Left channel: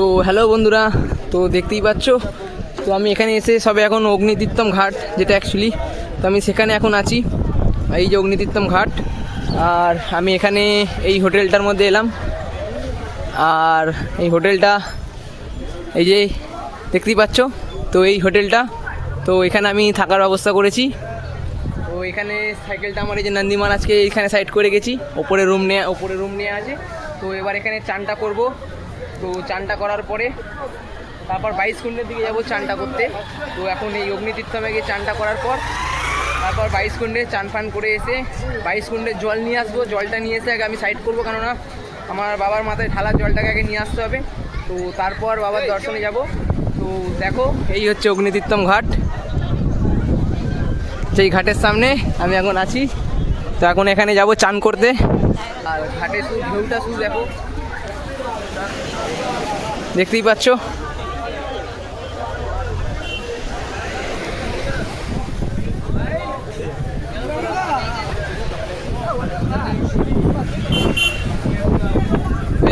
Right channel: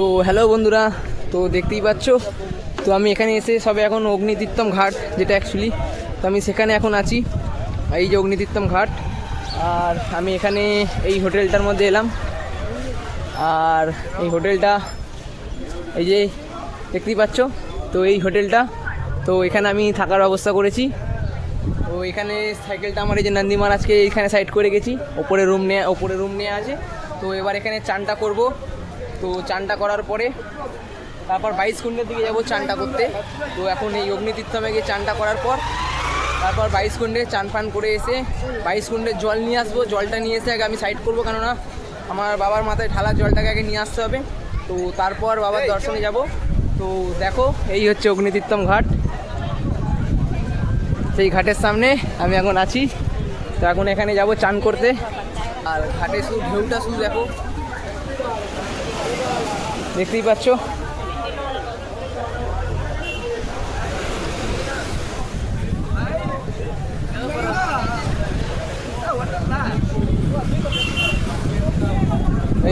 তো হ্যালো বন্ধুরা, তো দেখতেই পাচ্ছ। তো আমি এখানে এসে সবে এখন অগ্নিতীর্থম ঘাট, যেটা অ্যাকচুয়ালি তো আমি সেখানে এখন আছি। এই যে অগ্নিতীর্থম ঘাট, আর আমি এখানে এই হোটেলটার মধ্যে এলাম। আর এই হোটেলটা এই যে দেখতেই পাচ্ছ। তো এই হোটেলটা, তো এখানে আমি থাকার ব্যবস্থা করেছি। তো এখানে সাইকেলটা আমার এই যে নন্দী মহারাজকে এইখানে সাইড করে গেছি। ওপরে রুম নিয়ে আছে। তো এবার এখানে চানটা করব। তো চানটা করার পরে তারপর 22 কুণ্ডের দিকে যাবো চানটা করতে। তো এখন এই অগ্নিতীর্থমে গিয়ে চানটা করার পর তারপর 22 কুণ্ডে চান পান করে এসে 22 কুণ্ডের জল নিয়ে আসবো। জলটা নিয়ে এসে আগে আমি সাইড করবো, কেননা আমার বাবার মাথায় ঢালার জলটাকে আগে নিয়ে আসতে হবে। তো তারপর বাবার দর্শনে যাব। তো দেখো, এই হচ্ছে অগ্নিতীর্থম ঘাট। সেই ঘাটের সামনে আমি এখন আছি। তো এখন এখানে যাব চান করতে। আর ঘাটে শুধু ঢেউটা শুধু দেখো, দেখতেই পাচ্ছ।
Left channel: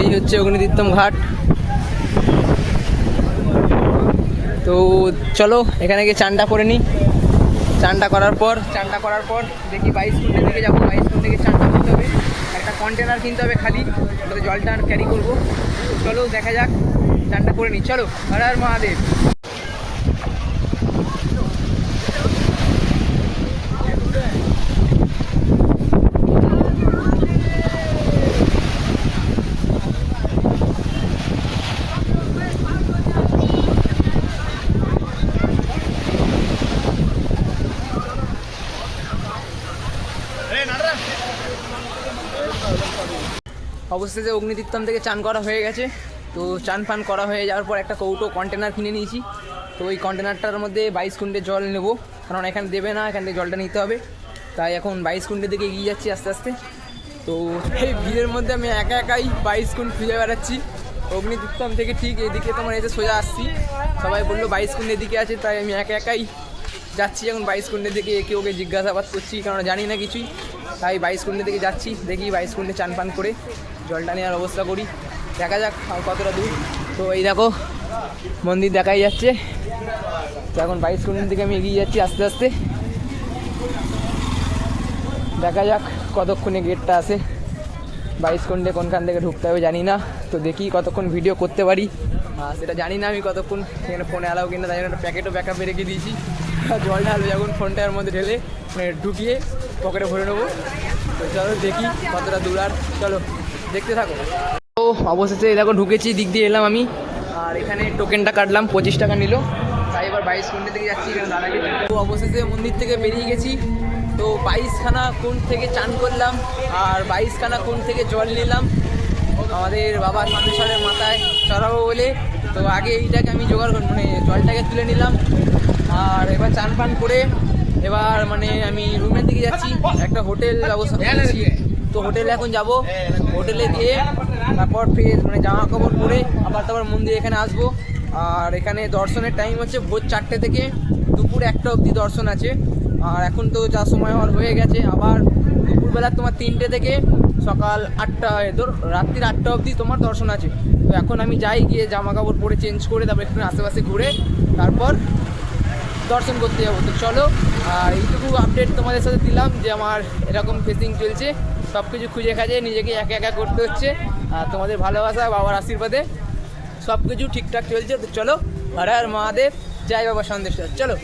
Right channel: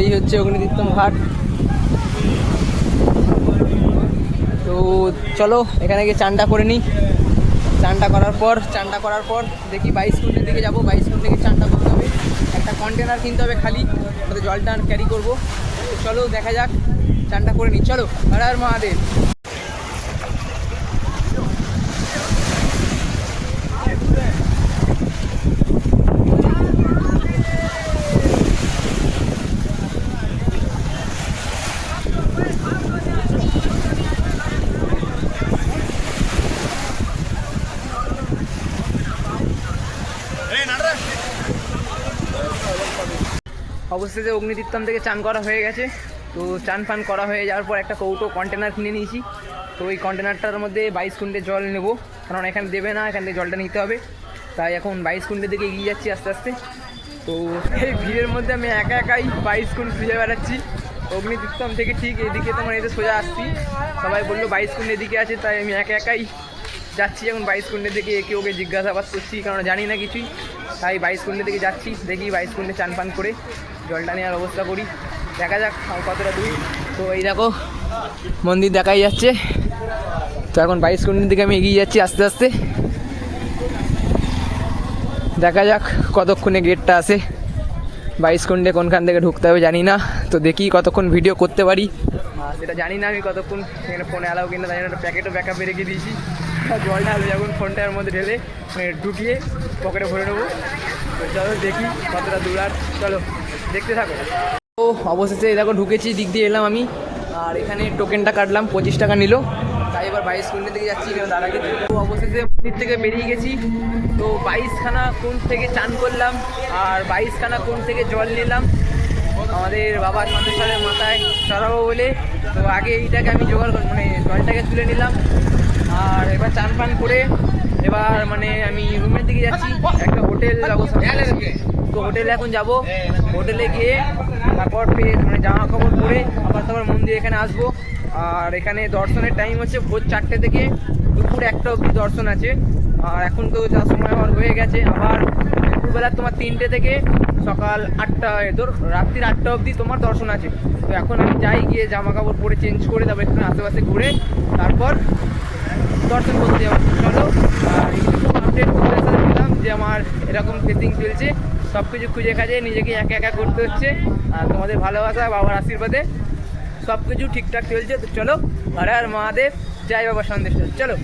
এই হচ্ছে অগ্নিতীর্থম ঘাট। তো চলো এখানে গিয়ে চানটা করে নিই। চানটা করার পর দেখি 22 কুণ্ডের দিকে যাবো। 22 কুণ্ডে গিয়ে চানটা করতে হবে। একটা কন্টেনার কিনতে হবে খালি, ওটাতে জলটা ক্যারি করবো। তো চলো দেখা যাক, চানটা করে নিই। চলো, হর হর মহাদেব। অবশেষে অগ্নিতীর্থম থেকে চান করা হয়ে গেছে। তো চান ফান করা হয়ে যাওয়ার পর একটা কৌটো কন্টেনার কিনে নিয়েছি। তো এই কন্টেনারটার মধ্যে 22 কুণ্ডে জল নেবো, কারণ এখানে দেবে না, এখান থেকে জলটা নিতে হবে। তাই এখন 22 কুণ্ডের দিকে এগিয়ে যাচ্ছি আস্তে আস্তে। তো এই ভিড়ের মধ্যে আমি একাই 22 কুণ্ড খুঁজে বেড়াচ্ছি। অগ্নিতীর্থম থেকে ঠিক এদিকে তোমার এসে সোজা আসছি। সবাই বললো 22 কুণ্ডের দিকে আছে, তাই আমি একাই যাচ্ছি এখন 22 কুণ্ডের দিকে। একে ওকে জিজ্ঞাসাবাদ করছি, কারণ জানি না কিছুই। তাই 22 কুণ্ডের দিকে যাচ্ছি। দেখি 22 কুণ্ডে চান পান করে জলটা নেওয়ার অবস্থা করি। দেখা যাক আর কতটা দূর। তো এই দেখো, মন্দির দেখাই যাচ্ছে। তো এখন 22 কুণ্ডের দিকে আমি এগিয়ে যাচ্ছি আস্তে আস্তে। দেখা যাক কতক্ষণে গেটটা আসে। 22 কুণ্ডে কোনখান থেকে ঢুকতে হবে জানি না। তো দেখি কতক্ষণ ভিডিও করতে পারি, সেটা জানি না আমি কতক্ষণ। এখানে ফোনে অ্যালাউ কিনা, তাই একটা প্যাকেটও ব্যাকআপে রেখে দিয়েছি। জল ঢালবে যখন ফোনটার মধ্যে ঢেলে ঢুকিয়ে পকেটে ভরে নেবো। তো চলো দেখি কতটা দূর, আর চলো দেখতে থাকো। তো অবশেষে দেখো ঢুকেছি, দিক দিয়ে এলাম আমি। আর এখানে টোকেনটা কাটলাম, 25 টাকা নিল। তাই এবার 22 কুণ্ডের দিকে যাচ্ছি, এখানে দাদাকে। তো অবশেষে মন্দির থেকে বেরিয়ে গেছি। তো 22খানা কুণ্ড থেকে চান করলাম, আর 22খানা কুণ্ড থেকে জল নিলাম আমাদের বাবা সন্দেশ্বরের মাথায় চড়াবো বলে। তো আগে এইটাকে আমি জোগাড় জলটাকে তুলে নিলাম। আর এবার চান পান করে এবার আমি রুমের দিকে যাচ্ছি। একটা হোটেল ব্যবস্থা করেছি। তো হোটেলে এখন যাব। হোটেলে গিয়ে তারপর ফের জামা কাপড় পরে আবার তারপর মন্দির এখানে আসবো। আর এখানে দর্শনের টাইম হচ্ছে ভোর 4টে থেকে দুপুর 1টা অবধি দর্শন আছে। আর এখন তো যা সময় হয়ে গেছে, আবার দুপুরবেলা তোমার 3টে থেকে সকাল 8টা, রাত্রির 8টা অবধি তোমার দর্শন আছে। তো এখন আমি যাই, গিয়ে জামা কাপড় পরে চেঞ্জ করে তারপর একটু আশেপাশে ঘুরে তারপর দর্শন করতে যাবো। তো চলো, আর এইটুকু আপডেট তোমাদের সাথে দিলাম যে আমার এরকম ফেসিং চলছে। সব কিছু খুঁজে খাজে নিজেকে একা একা করতে হচ্ছে। আর তোমাদের ভালোবাসা, বাবার আশীর্বাদে সব কিছু ঠিকঠাক চলছে। তো চলো, হর হর মহাদেব, জয় বাবা সন্দেশ্বর। চলো।